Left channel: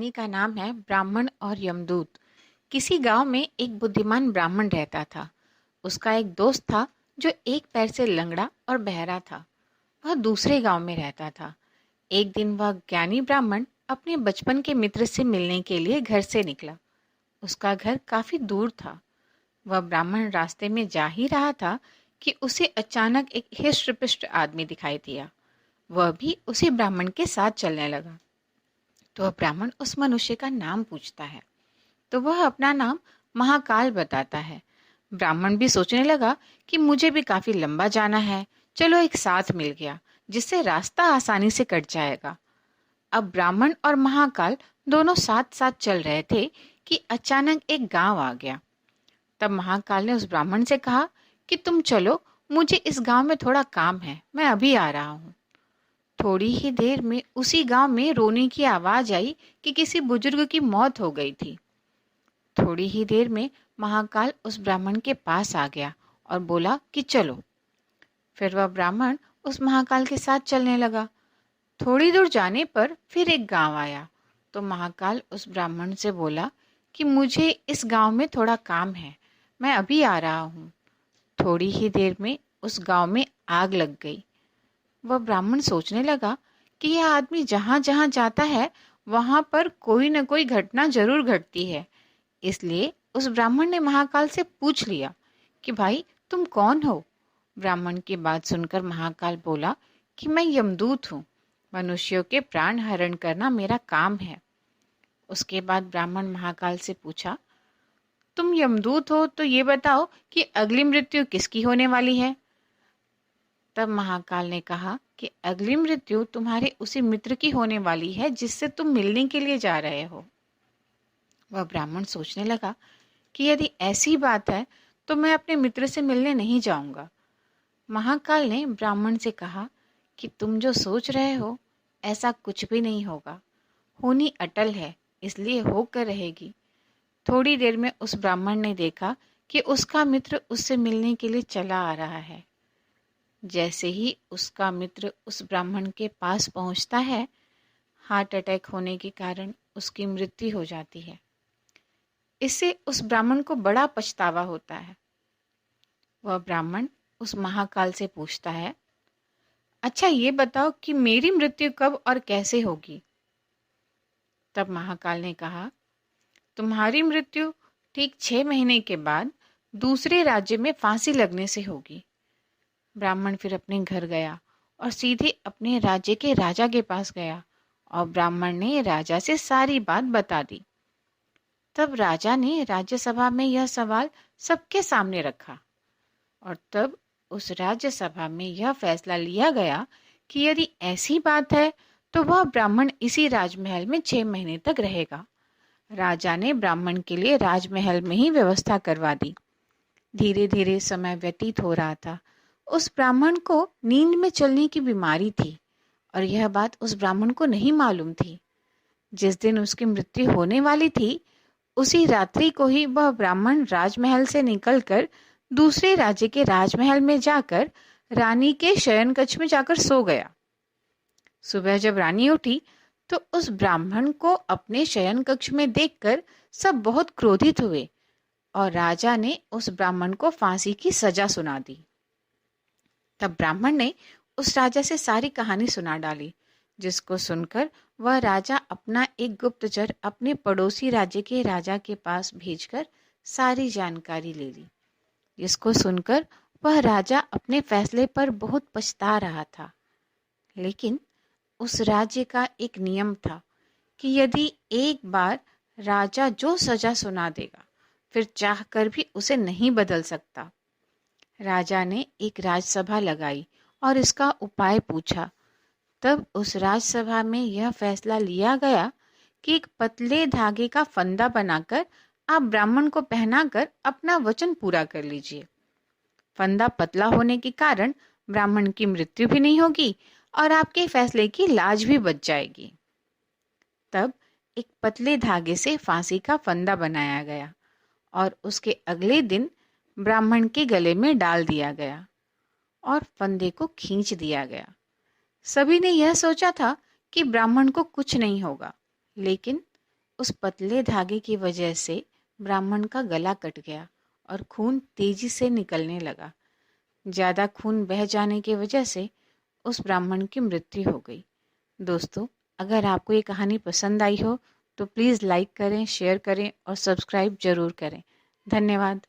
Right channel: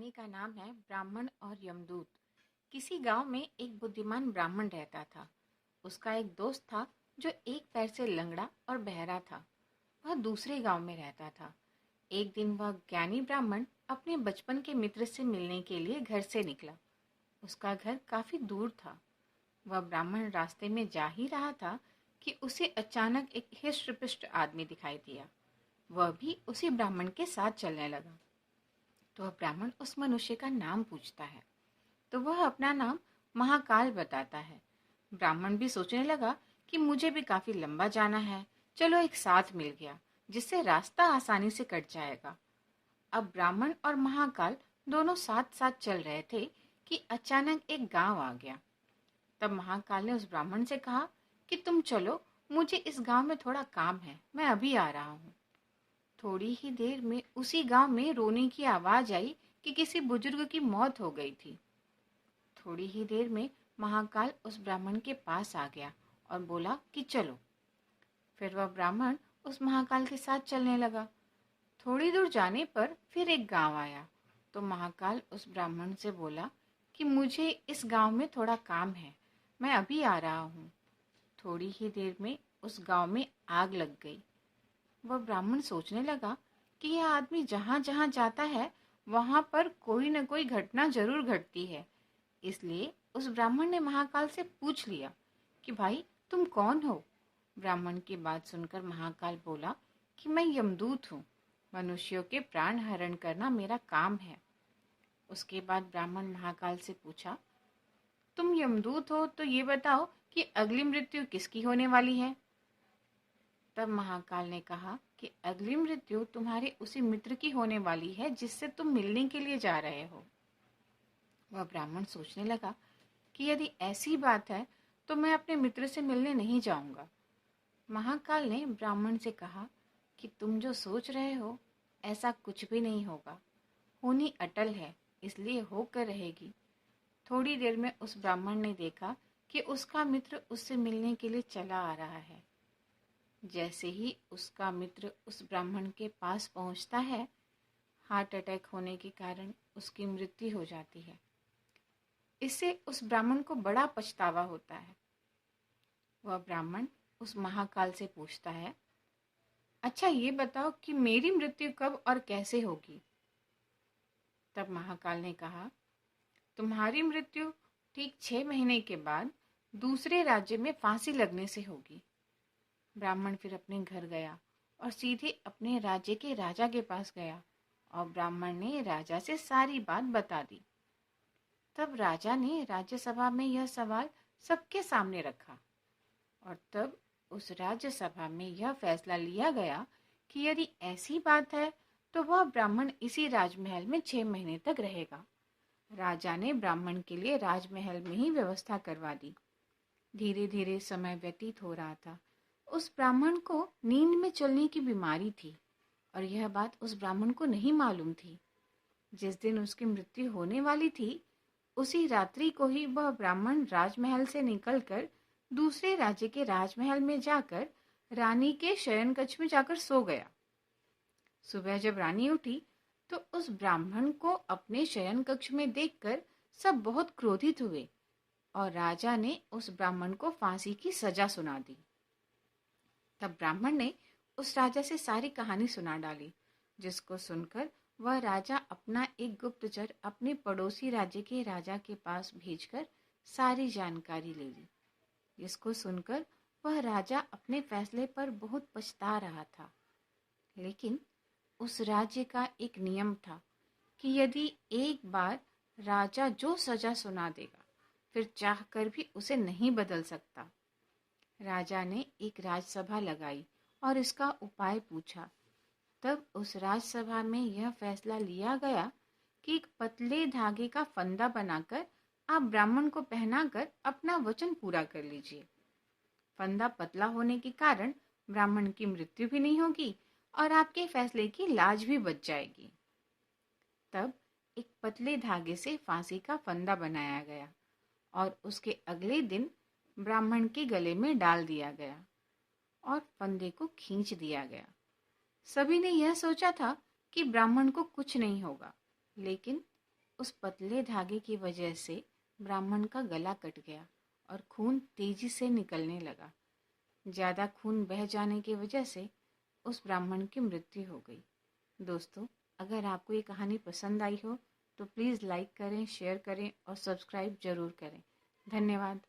कहानी का नाम है ब्राह्मण और यमदूत। किसी गांव में एक बुद्धिमान ब्राह्मण रहता था। उसका एक दोस्त था जो एक पैर से लंगड़ा और बहरा था। वह दूसरे गांव में रहता था। एक दिन वह ज्ञानी ब्राह्मण अपने बचपन के मित्र से मिलने के लिए घर से निकला। उसका घर काफी दूर था। वह ब्राह्मण रास्ते में जा ही रहा था कि उसे अचानक एक हिष्ट-पुष्ट आदमी दिखाई दिया। वह भी उसी ब्राह्मण के साथ चलने लगा। तो वह ब्राह्मण उस मनुष्य का नाम पूछता है। तो वह अपना नाम महाकाल बताता है। ब्राह्मण भी सोचने लगा कि मुझे भी काफी लंबा जाना है, चलो एक साथ मिल गया, जिससे रास्ता आसानी से कट जाएगा। अब ब्राह्मण और महाकाल दोनों साथ साथ चल रहे थे कि अचानक एक गांव आ गया। तब महाकाल ने उस ब्राह्मण से कहा कि तुम चलो, मुझे इस गांव में थोड़ा काम है, मैं अभी आ रहा हूँ। थोड़ी ही देर में उसी गांव में रोने की आवाज आई कि किसी बुजुर्ग की मौत हो गई थी। थोड़ी ही देर में महाकाल उस ब्राह्मण के पास आ गया और बोला कि चलो। फिर वह ब्राह्मण उस महाकाल के साथ चलने लगा। थोड़ी दूर जाने पर फिर एक गांव आया। तो महाकाल उस ब्राह्मण से बोला कि मुझे इस गांव में थोड़ा काम है, मैं अभी आ रहा हूँ। थोड़ी ही देर में उस गांव में आग लग गई। वह ब्राह्मण सोचने लगा कि यह आदमी जहां जहां जाता है वहां पर कोई न कोई घटना जरूर घटती है। इसलिए उस ब्राह्मण ने महाकाल से पूछ लिया कि भाई तुम कौन हो। ब्राह्मण की बात सुनकर महाकाल बोला कि मैं यमदूत हूँ, मनुष्यों के प्राण हरण करना मेरा काम है। उसके बाद ब्राह्मण महाकाल से पूछा, तुम यमदूत हो तो ये बताओ कि अगली मृत्यु किसकी होने वाली है। तब महाकाल ने कहा कि अगली मृत्यु तुम्हारे उसी मित्र की होने वाली है जिससे तुम मिलने के लिए जा रहे हो। वह ब्राह्मण सोचने लगा कि यदि ऐसी बात है तो मैं अपने मित्र से मिलने नहीं जाऊंगा। महाकाल ने ब्राह्मण से कहा कि तुम जो सोच रहे हो ऐसा कुछ भी नहीं होगा, होनी अटल है, इसलिए होकर रहेगी। थोड़ी देर में उस ब्राह्मण ने देखा कि उसका मित्र उससे मिलने के लिए चला आ रहा है। जैसे ही उसका मित्र उस ब्राह्मण के पास पहुंचता है, हार्ट अटैक होने के कारण उसकी मृत्यु हो जाती है। इससे उस ब्राह्मण को बड़ा पछतावा होता है। वह ब्राह्मण उस महाकाल से पूछता है, अच्छा ये बताओ कि मेरी मृत्यु कब और कैसे होगी। तब महाकाल ने कहा, तुम्हारी मृत्यु ठीक 6 महीने के बाद दूसरे राज्य में फांसी लगने से होगी। ब्राह्मण फिर अपने घर गया और सीधे अपने राज्य के राजा के पास गया और ब्राह्मण ने राजा से सारी बात बता दी। तब राजा ने राज्यसभा में यह सवाल सबके सामने रखा और तब उस राज्यसभा में यह फैसला लिया गया कि यदि ऐसी बात है तो वह ब्राह्मण इसी राजमहल में 6 महीने तक रहेगा। राजा ने ब्राह्मण के लिए राजमहल में ही व्यवस्था करवा दी। धीरे धीरे समय व्यतीत हो रहा था। उस ब्राह्मण को नींद में चलने की बीमारी थी और यह बात उस ब्राह्मण को नहीं मालूम थी। जिस दिन उसकी मृत्यु होने वाली थी, उसी रात्रि को ही वह ब्राह्मण राजमहल से निकलकर दूसरे राज्य के राजमहल में जाकर रानी के शयन कक्ष में जाकर सो गया। सुबह जब रानी उठी तो उस ब्राह्मण को अपने शयन कक्ष में देखकर सब बहुत क्रोधित हुए और राजा ने उस ब्राह्मण को फांसी की सजा सुना दी। तब ब्राह्मण ने उस राजा से सारी कहानी सुना डाली, जिसको सुनकर वह राजा अपना एक गुप्तचर अपने पड़ोसी राज्य के राजा के पास भेजकर सारी जानकारी ले ली। जिसको सुनकर वह राजा अपने फैसले पर बहुत पछता रहा था। लेकिन उस राज्य का एक नियम था कि यदि एक बार राजा जो सजा सुना देगा, फिर चाहकर भी उसे नहीं बदल सकता। राजा ने एक राजसभा लगाई और इसका उपाय पूछा। तब उस राजसभा में यह फैसला लिया गया कि एक पतले धागे का फंदा बनाकर आप ब्राह्मण को पहनाकर अपना वचन पूरा कर लीजिए। फंदा पतला होने के कारण ब्राह्मण की मृत्यु भी नहीं होगी और आपके फैसले की लाज भी बच जाएगी। तब एक पतले धागे से फांसी का फंदा बनाया गया और उसके अगले दिन ब्राह्मण के गले में डाल दिया गया और फंदे को खींच दिया गया। सभी ने यह सोचा था कि ब्राह्मण को कुछ नहीं होगा, लेकिन उस पतले धागे की वजह से ब्राह्मण का गला कट गया और खून तेजी से निकलने लगा। ज़्यादा खून बह जाने की वजह से उस ब्राह्मण की मृत्यु हो गई। दोस्तों, अगर आपको ये कहानी पसंद आई हो तो प्लीज़ लाइक करें, शेयर करें और सब्सक्राइब ज़रूर करें। धन्यवाद।